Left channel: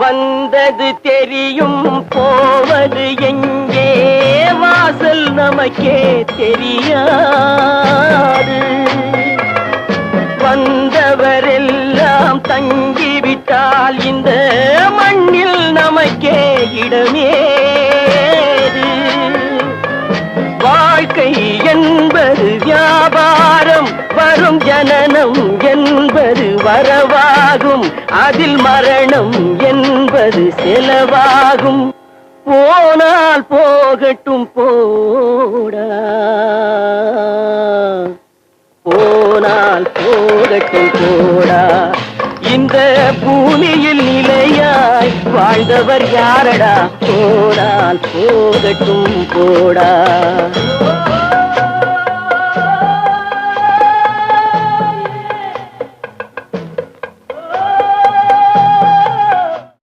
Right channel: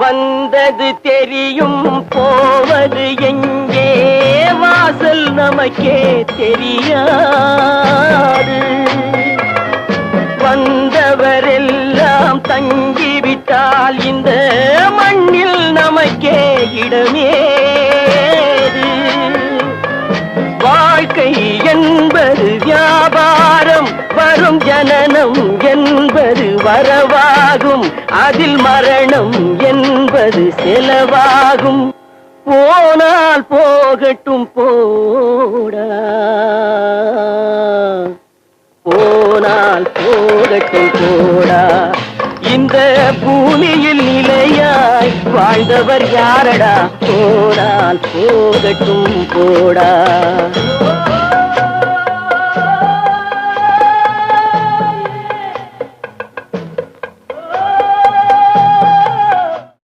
வந்தது தெரியும் போவது எங்கே வாசல் நமக்கே தெரியாது. வந்தவரெல்லாம் தங்கிவிட்டால் இந்த மண்ணில் நமக்கே இடமேது. வாழ்க்கை என்பது வியாபாரம், வரும் ஜனனம் என்பது வரவாகும், அதில் மரணம் என்பது செலவாகும். போனால் போகட்டும் போடா, போனால் போகட்டும் போடா. இந்த பூமியில் நிலையாய் வாழ்ந்தவர் யாரடா? போனால் போகட்டும் போடா.